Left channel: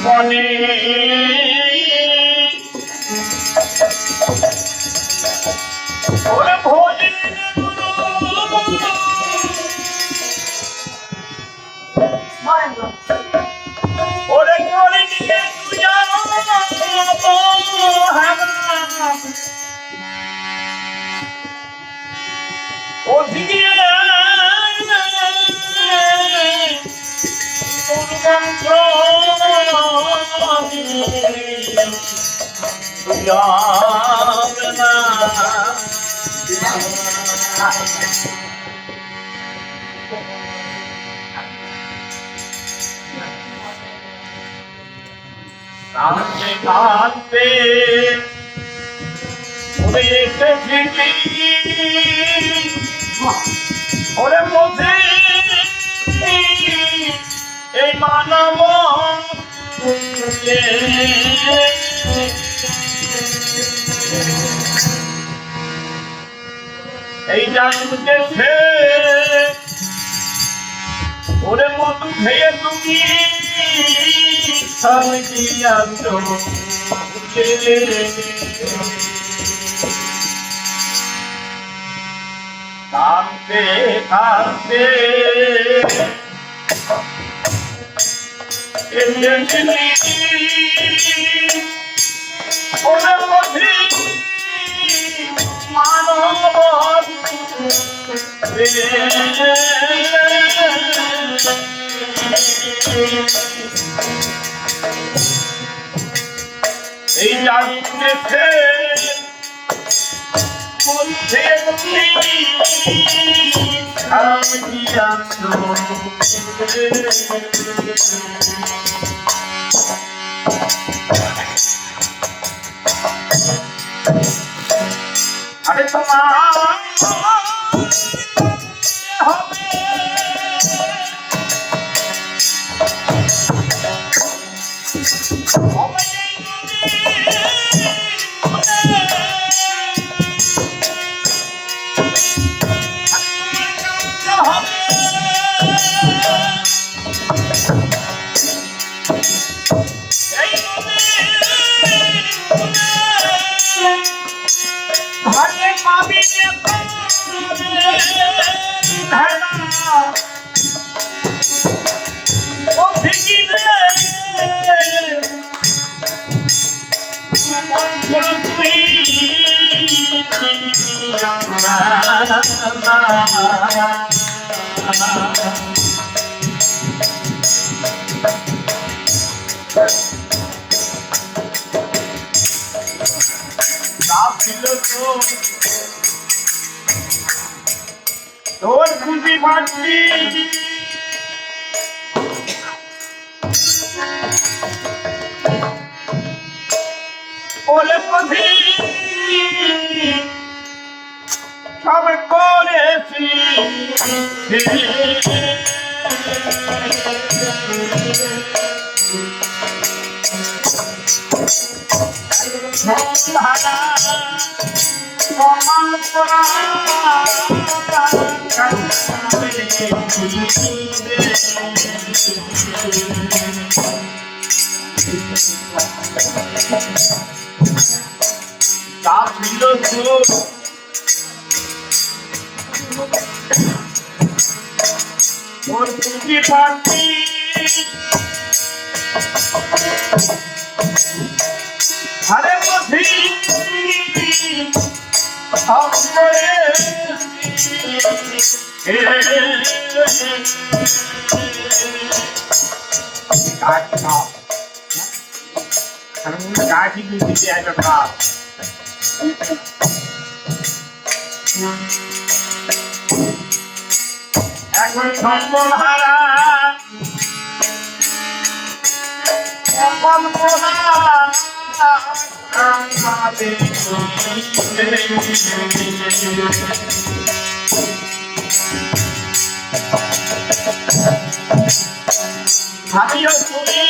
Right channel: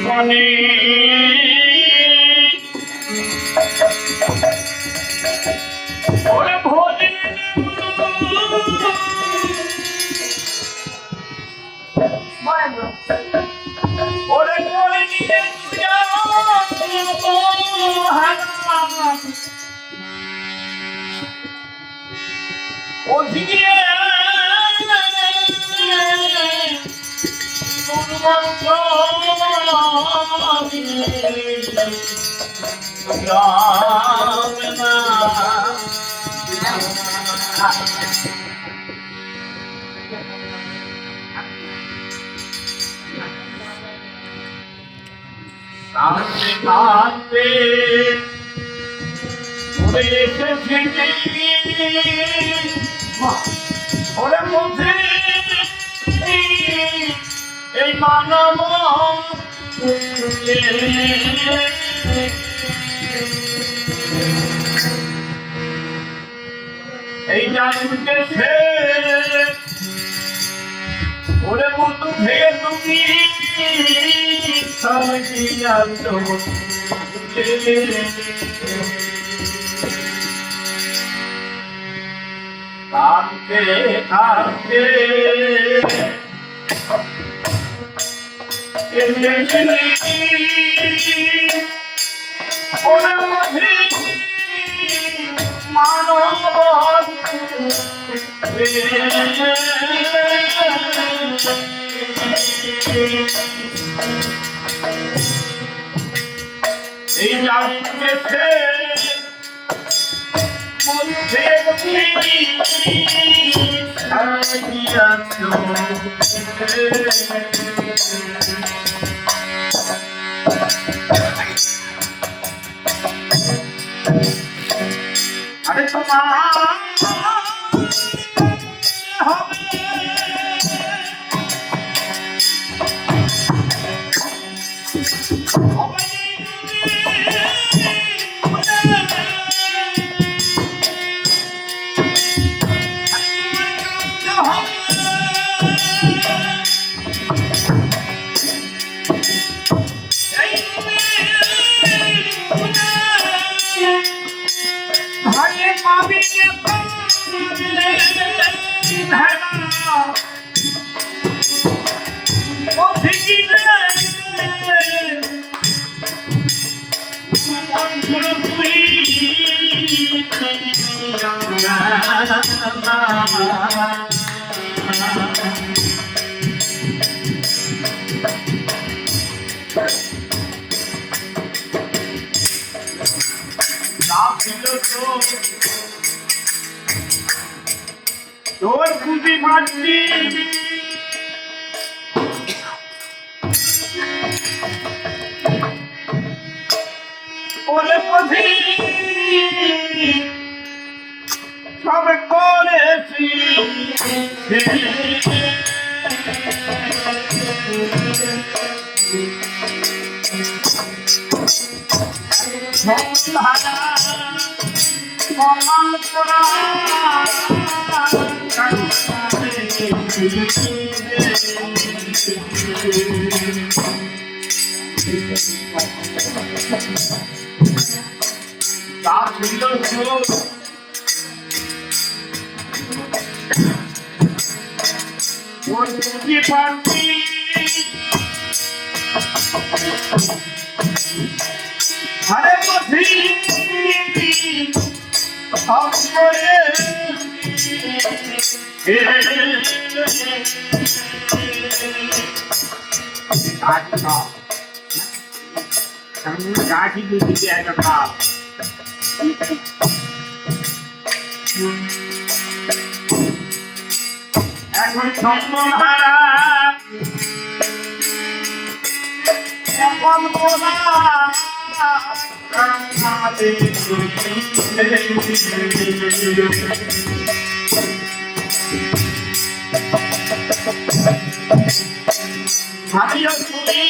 মনে ওরে ভোলে ওরে করে নিয়ে ওদিকে কাঁদতে কাঁদতে ওরে এসেছি ওরে মধ্যে এই মানব এই জানতে সে ওরে মধু খেয়ে তুমি কাঁদতে কাঁদতে ওরে মধি মানব এই জানতে মধ্যে আরে তোমার তোর খুশি মাটি ওরে পথি সব করেছি সমান করা হরে পথি এখন সম্বল হারা এখন ভাবিও তুমি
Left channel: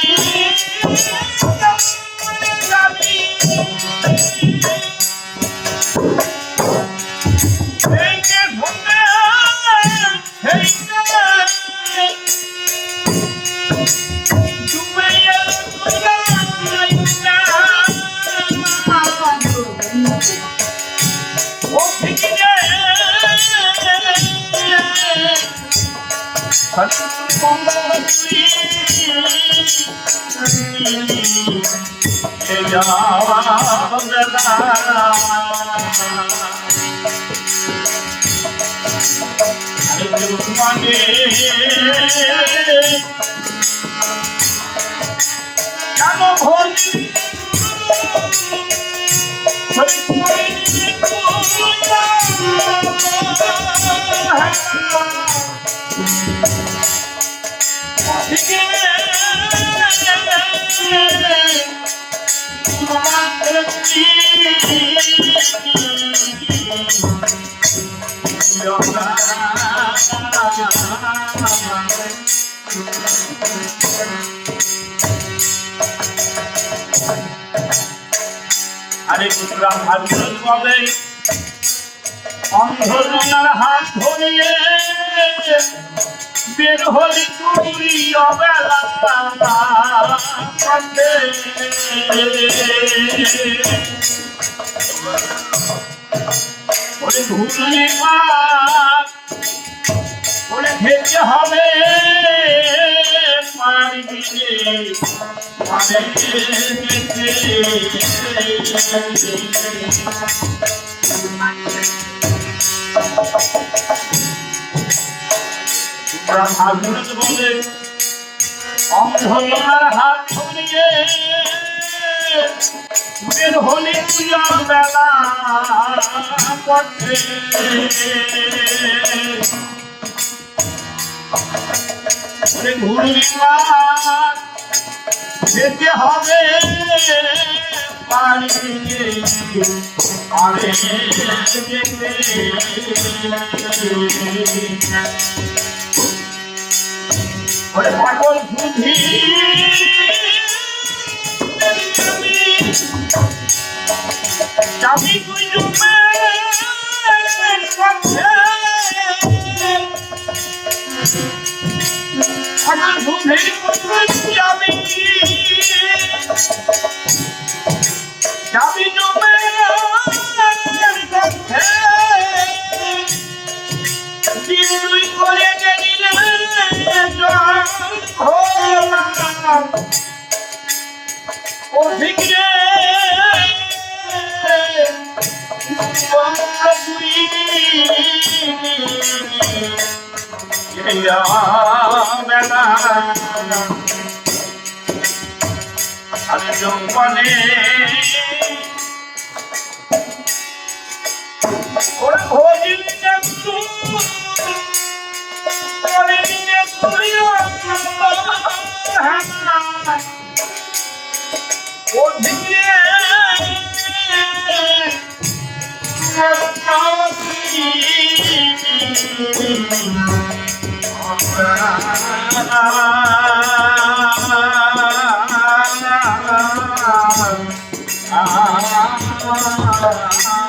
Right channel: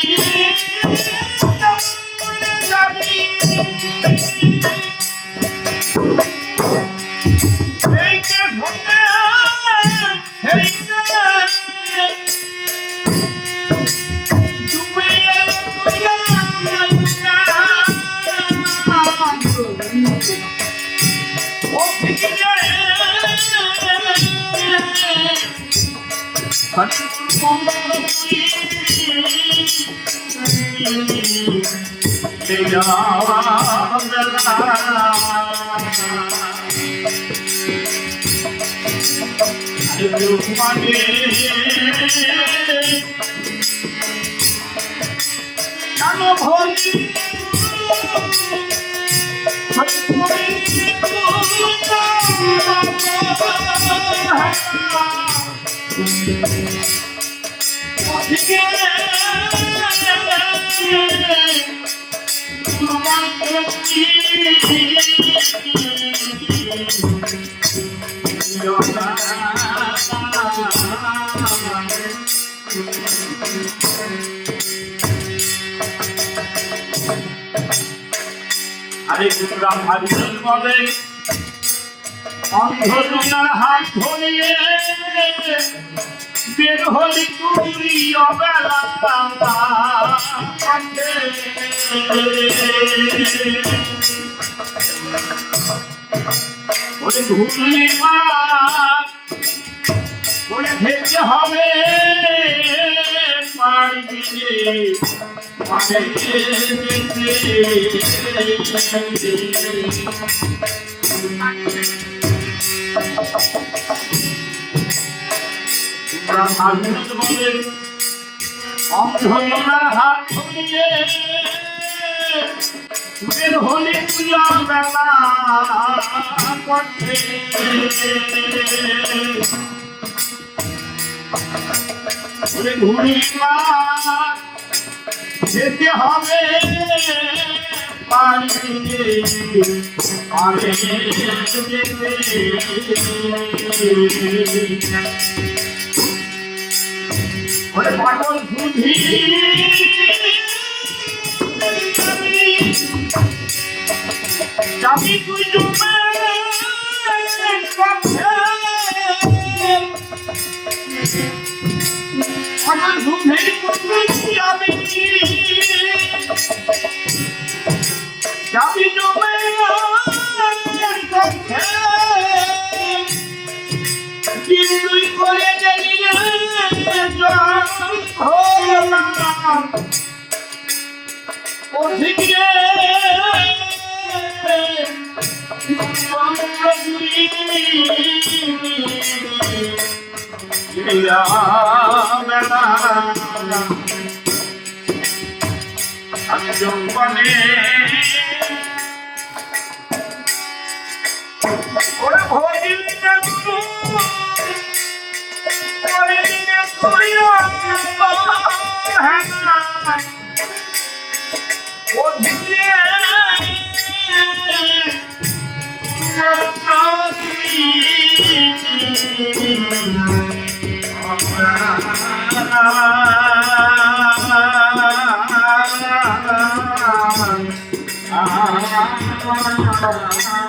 আরে পুত্রা ভাবিল বলে অন্ধকার হাত ধরিয়ে বের হলি তুই অবেলা ওরে ধুলি ওরে ভেজে হবে পারবি অন্ধকার হাত ধরিয়ে বের হলে বেলা ঘুরি যেতে হবে পাগল বুঝি যাবি তুই পাগল বুঝি যাবি যাবি জমে তুই করে গেলি আমি যৌবনে ওরা ভোগিলি না ও ভিড়ে Ah